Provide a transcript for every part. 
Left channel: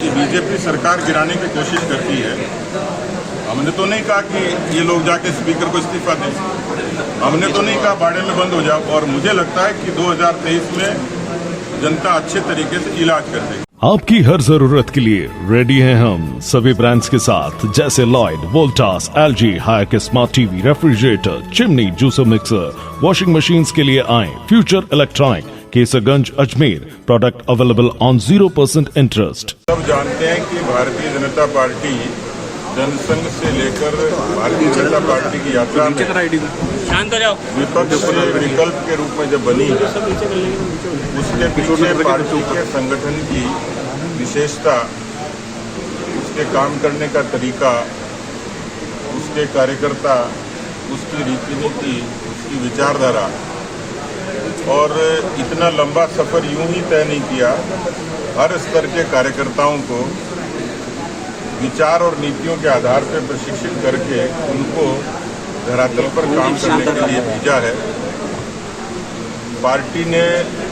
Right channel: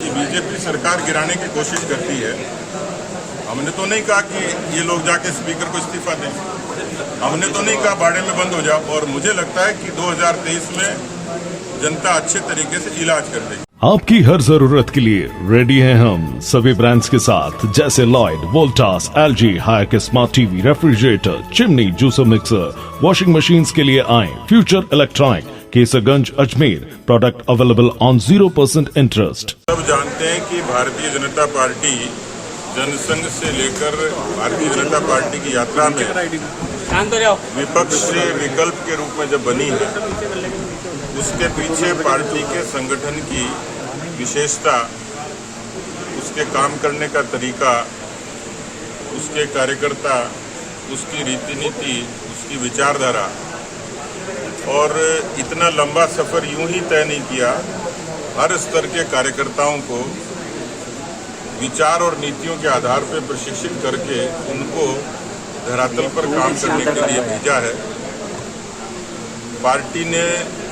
BJP सरकार गिराने की कोशिश करती है। हमने तो नहीं कहा कि ये लोग जाके स्पीकर को इस्तीफा दें, हमने तो नहीं कहा बाड़े में बंद हो जाओ। और मुझे लगता है कि 2023 में जनता अच्छे तरीके से इलाज कर देगी। आपकी हर जरूरत के लिए रेडी हैं हम सभी ब्रांड्स के साथ, जैसे लॉयड, वोल्टास, एलजी, हायक smart TV, refrigerator, chimney, juicer mixer, washing machines के लिए आए future electronic, Kesarganj, Ajmer. Product available on 0% interest. सब जानते हैं कि भारतीय जनता पार्टी जनसंघ से लेकर भारतीय जनता पार्टी की यात्रा में विपक्ष से विकल्प के रूप में जब बनी है, उसके पीछे पार्टी के संगठन की विशेषता, उसके काम करने का तरीका, उसके कार्यकर्ता, उसकी रीति नीति, उसकी विचारधारा, और इतना लंबा सफर यूं ही तय नहीं किया। हर स्तर के कार्यकर्ताओं को विचार और नीतियों के आधार पर प्रशिक्षित करके उनको धरातल पर काम करने के लिए भेजा है। पार्टी ने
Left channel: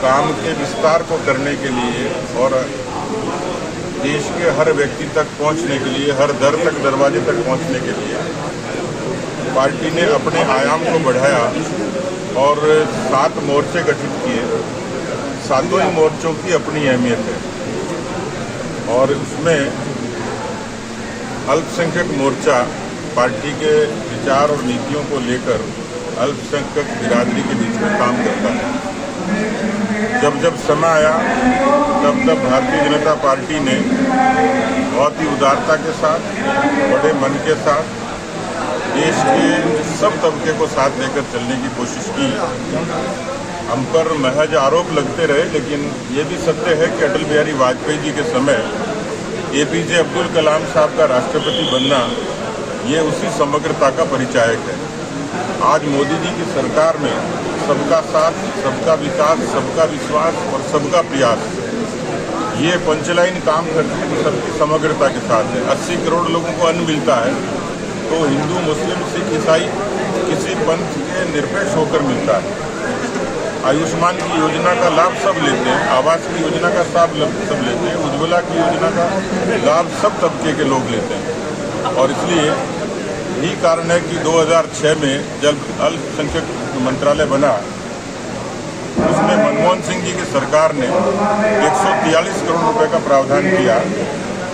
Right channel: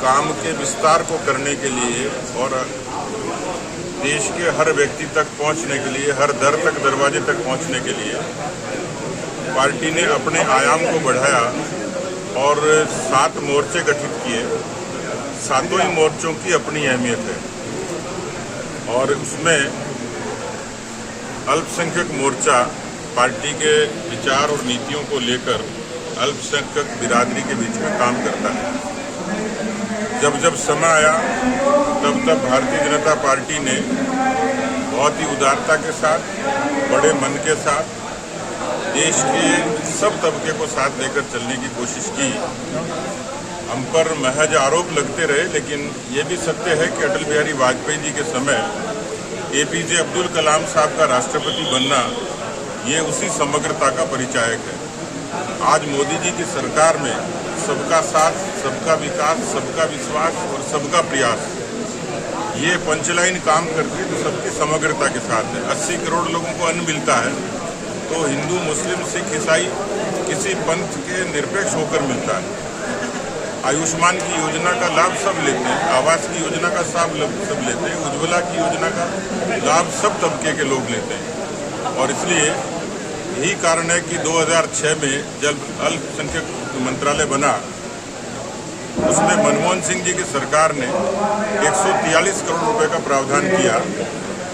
काम के विस्तार को करने के लिए और देश के हर व्यक्ति तक पहुंचने के लिए, हर दर तक, दरवाजे तक पहुंचने के लिए पार्टी ने अपने आयाम को बढ़ाया और 7 मोर्चे गठित किए। सातों ही मोर्चों की अपनी अहमियत है और उसमें अल्पसंख्यक मोर्चा पार्टी के विचार और नीतियों को लेकर अल्पसंख्यक बिरादरी के बीच में काम करता है। जब जब समय आया तब तब भारतीय जनता पार्टी ने बहुत ही उदारता के साथ, बड़े मन के साथ देश के सब तबके को साथ लेकर चलने की कोशिश की। हम पर महज आरोप लगते रहे, लेकिन ये भी सत्य है कि अटल बिहारी वाजपेयी जी के समय एपीजे अब्दुल कलाम साहब का राष्ट्रपति बनना, ये उसी समग्रता का परिचायक है। आज मोदी जी की सरकार में सबका साथ, सबका विकास, सबका विश्वास और सबका प्रयास, ये पंचलाइन काम करती है, सबकी समग्रता के साथ है। 80 करोड़ लोगों को अन्न मिलता है, तो हिंदू, मुस्लिम, सिख, ईसाई किसी पंथ के निरपेक्ष होकर मिलता है। आयुष्मान की योजना का लाभ सब लेते हैं, आवास की योजना का सब लेते हैं, उज्ज्वला की योजना का लाभ सब तबके के लोग लेते हैं। और इसलिए यही कारण है कि 2006 में जब अल्पसंख्यक मंत्रालय बना, उसमें मनमोहन सिंह जी की सरकार ने 143 करोड़ रुपए का प्रावधान किया।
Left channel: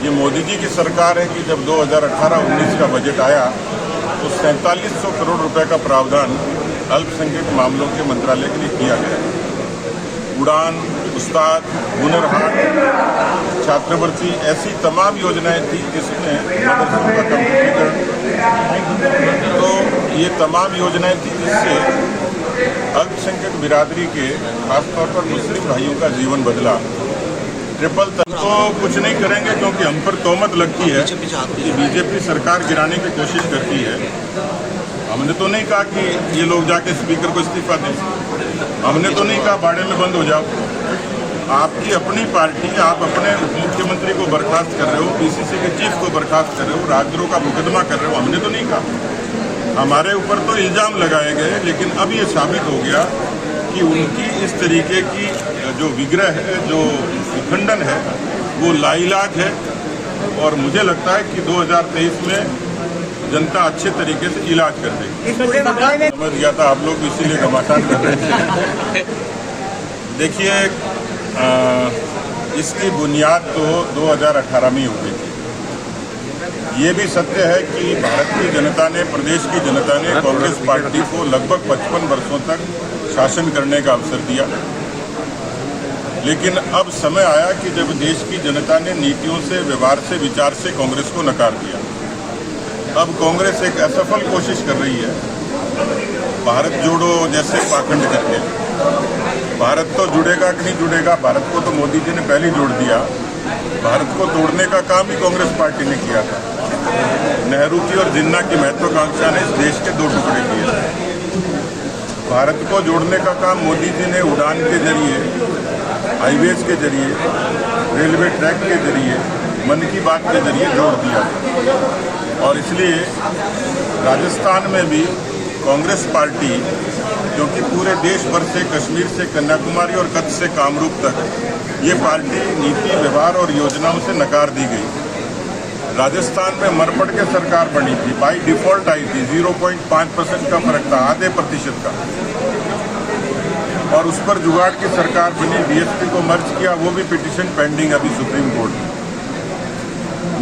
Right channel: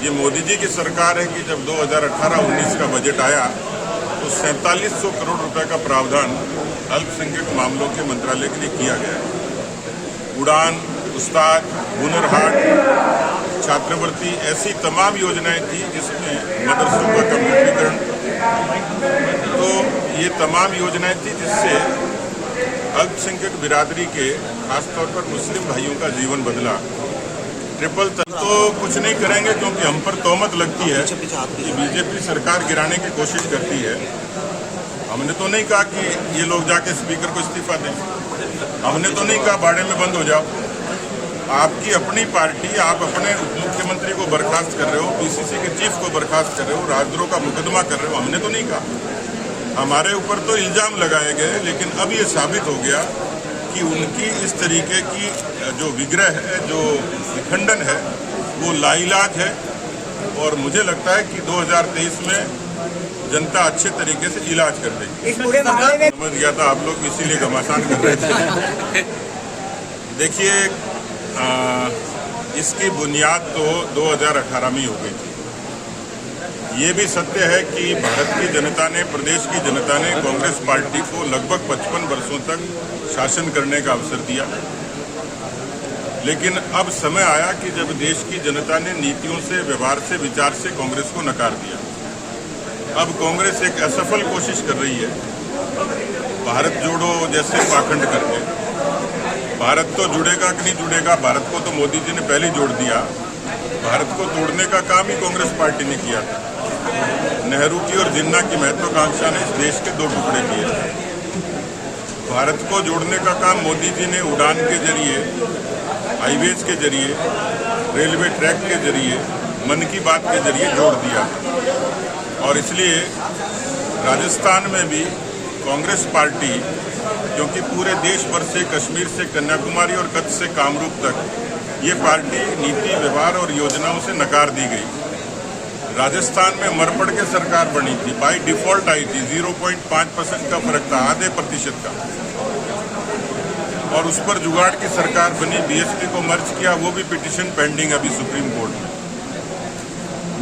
ये मोदी जी की सरकार है कि जब 2018-19 का बजट आया तो 4700 करोड़ रुपए का प्रावधान अल्पसंख्यक मामलों के मंत्रालय के लिए किया गया। उड़ान, उस्ताद, हुनर हाट, छात्रवृत्ति, ऐसी तमाम योजनाएं थी जिसमें मदरसों का कम्प्यूटरीकरण, तो ये तमाम योजनाएं थी जिससे अल्पसंख्यक बिरादरी के, खासतौर पर मुस्लिम भाइयों का जीवन बदला। ट्रिपल तलाक तो कुछ नहीं करेंगे, क्योंकि हम पर तोहमत लगती है कि बीजेपी सरकार गिराने की कोशिश करती है। हमने तो नहीं कहा कि ये लोग जाके स्पीकर को इस्तीफा दें, हमने तो नहीं कहा बाड़े में बंद हो जाओ। आपकी अपनी पार्टी, आप अपने उप मुख्यमंत्री को बर्खास्त कर रहे हो, पीसीसी के चीफ को बर्खास्त कर रहे हो, राजद्रोह का मुकदमा कर रहे हो। हमने तो नहीं कहा, हमारे ऊपर तो इल्जाम लगाए गए, लेकिन अब ये साबित हो गया कि उनकी इस तरीके की जो विग्रह है, जो विखंडन है, वो लाइलाज है। और मुझे लगता है कि 2023 में जनता अच्छे तरीके से इलाज कर देगी। समझ गया था आप लोग, इसीलिए घमासान कर रहे थे। देखिए, इसकी बुनियाद तो 2018 में ही हो गई थी। ये भी सत्य है कि भारत की जनता ने, प्रदेश की जनता ने कांग्रेस पार्टी को लगभग 55 वर्षों तक शासन करने का अवसर दिया। लेकिन अब समय आया कि जब देश की जनता ने नीतियों से, व्यवहार से, विचार से कांग्रेस को नकार दिया। अब कांग्रेस एक असफल कोशिश कर रही है, भारत जोड़ो जैसे पाखंड करके। भारत तो जुड़ेगा कि नहीं जुड़ेगा, भारत को तो मोदी जी ने पहले ही जोड़ दिया। भारत को तोड़ने का काम ही कांग्रेस पार्टी ने किया था। नेहरू की और जिन्ना की महत्वाकांक्षा ने इस देश के 2 टुकड़े किए। भारत को जोड़ने का काम मोदी जी ने उड़ान के जरिए, हाईवेज के जरिए, रेलवे ट्रैक के जरिए, मन की बात के जरिए जोड़ दिया। और इसलिए राजस्थान में भी कांग्रेस पार्टी, क्योंकि पूरे देश भर से, कश्मीर से कन्याकुमारी और कच्छ से कामरूप तक ये पार्टी नीति, व्यवहार और योजनाओं से नकार दी गई। राजस्थान में मरपड़ के सरकार बनी थी, बाई डिफॉल्ट आई थी, 0.5% का फर्क था, आधे प्रतिशत का, और उस पर जुगाड़ की सरकार बनी, बीएसपी को मर्ज किया, वो भी पिटीशन पेंडिंग अभी सुप्रीम कोर्ट में।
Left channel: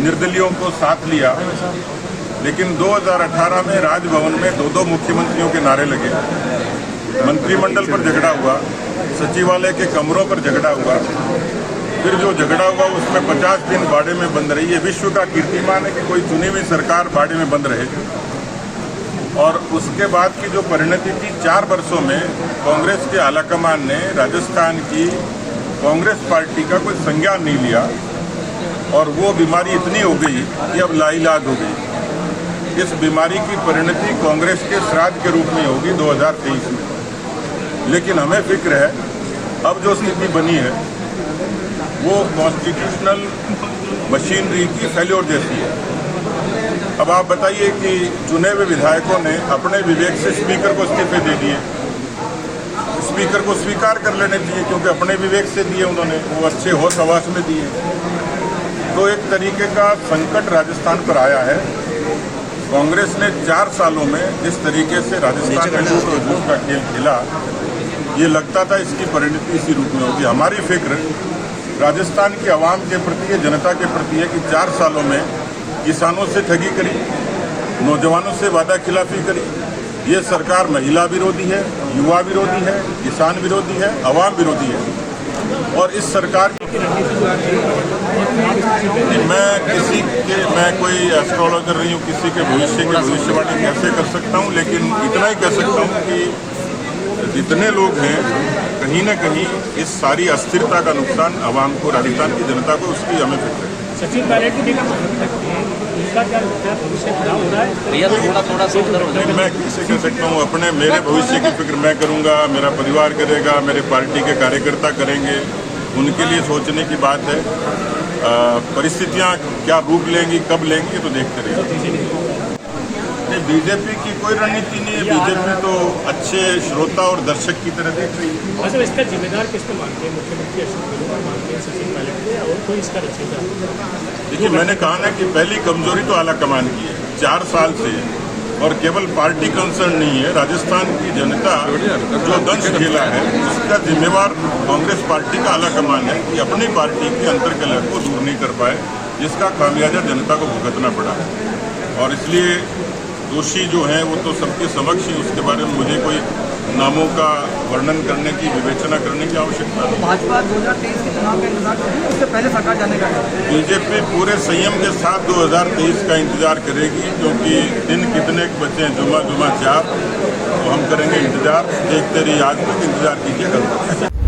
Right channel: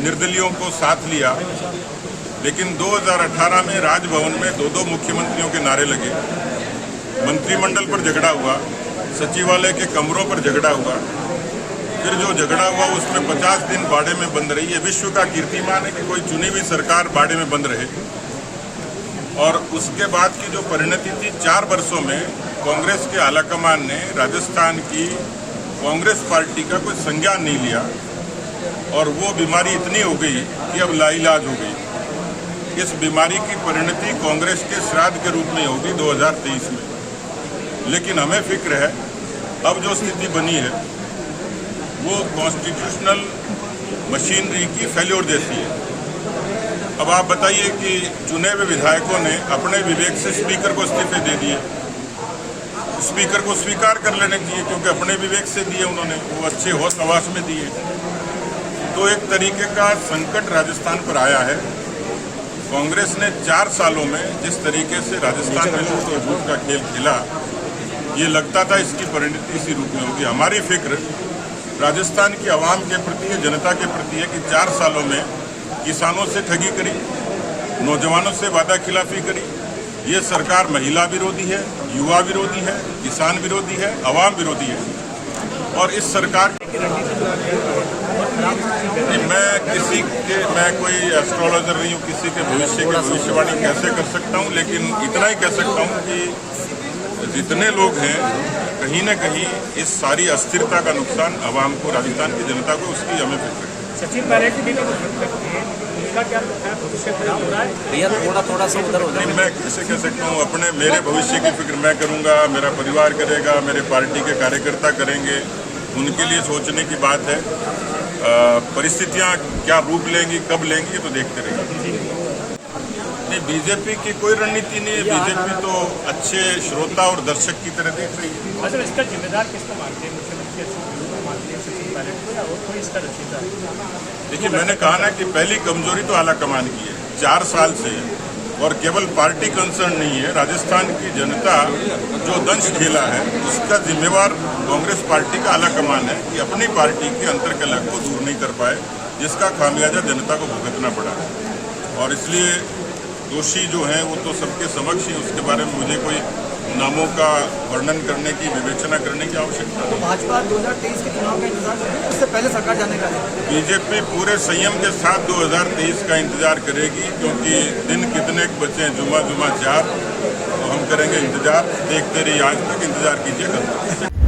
निर्दलियों को साथ लिया, लेकिन 2018 में राजभवन में दो मुख्यमंत्रियों के नारे लगे, मंत्रिमंडल पर झगड़ा हुआ, सचिवालय के कमरों पर झगड़ा हुआ, फिर जो झगड़ा हुआ उसमें 50 दिन बाड़े में बंद रही। ये विश्व का कीर्तिमान है कि कोई चुनी हुई सरकार बाड़े में बंद रहे। और उसके बाद की जो परिणति थी, 4 वर्षों में कांग्रेस के आलाकमान ने राजस्थान की कांग्रेस पार्टी का कोई संज्ञान नहीं लिया, और वो बीमारी इतनी हो गई कि अब लाइलाज हो गई। इस बीमारी की परिणति कांग्रेस के श्राद्ध के रूप में होगी 2023 में। लेकिन हमें फिक्र है, अब जो स्थिति बनी है वो कॉन्स्टिट्यूशनल मशीनरी की फेल्योर जैसी है। अब आप बताइए कि चुने हुए विधायकों ने अपने विवेक से स्पीकर को इस्तीफे दे दिए। स्पीकर को स्वीकार कर लेने चाहिए, क्योंकि अपने विवेक से दिए उन्होंने, वो अच्छे होश हवास में दिए। तो एक तरीके का संकट राजस्थान पर आया है। कांग्रेस ने 4 सालों में जिस तरीके से राजस्थान में लूट और झूठ का खेल खेला, ये लगता था इसकी परिणति इसी रूप में होगी। हमारी फिक्र राजस्थान के आवाम के प्रति, जनता के प्रति है कि 4 सालों में किसानों से ठगी करी, नौजवानों से वादा खिलाफी करी। ये सरकार महिला विरोधी है, युवा विरोधी है, किसान विरोधी है, आवाम विरोधी है। और इस सरकार मैं कोई एस्ट्रोलॉजर नहीं हूँ, किसी के भविष्य की भविष्यवाणी कैसे कर सकता हूँ, लेकिन इतना ही कह सकता हूँ कि जितने लोग हैं, कहीं न कहीं इस सारी अस्थिरता का नुकसान आवाम को, राजस्थान की जनता को, उसकी हमें फिक्र है। सचिन पायलट की उनका क्या भविष्य खराब हो रहा है भैया? थोड़ा सा मैं कैसे कह सकता हूँ? मेरे भविष्य की फिक्र मैं करूँगा, मेरा परिवार करेगा, मेरे पार्टी के कार्यकर्ता करेंगे, उनके लिए सोचने की बात है। परिस्थितियाँ क्या रूप लेंगी, कब लेंगी, तो देखते रहेंगे। नहीं, बीजेपी की कोई रणनीति नहीं है। बीजेपी तो अच्छे श्रोता और दर्शक की तरह देख रही है। मतलब इसका जिम्मेदार किसको मानते हैं? मुख्यमंत्री अशोक गहलोत मानते हैं, सचिन पायलट को, या और कोई इसका रचयिता? देखिए, मैंने कहा ना कि पहली कमजोरी तो आलाकमान की है, 4 साल से, और केवल पार्टी कंसर्न नहीं है। राजस्थान की जनता जो दंश खेला है, उसका जिम्मेवार कांग्रेस पार्टी का आलाकमान है कि अपनी पार्टी की अंतर्कलह को दूर नहीं कर पाए, जिसका खामियाजा जनता को भुगतना पड़ा। और इसलिए दोषी जो हैं वो तो सबके समक्ष ही, उसके बारे में मुझे कोई नामों का वर्णन करने की, विवेचना करने की आवश्यकता नहीं। भाजपा 2023 के चुनाव का इंतजार कर रही है, उससे पहले सरकार जाने का है। बीजेपी पूरे संयम के साथ 2023 का इंतजार करेगी, क्योंकि दिन कितने बचे हैं, जुमा 4, तो हम करेंगे इंतजार। देखते रहिए, आज तक इंतजार कीजिए, कल।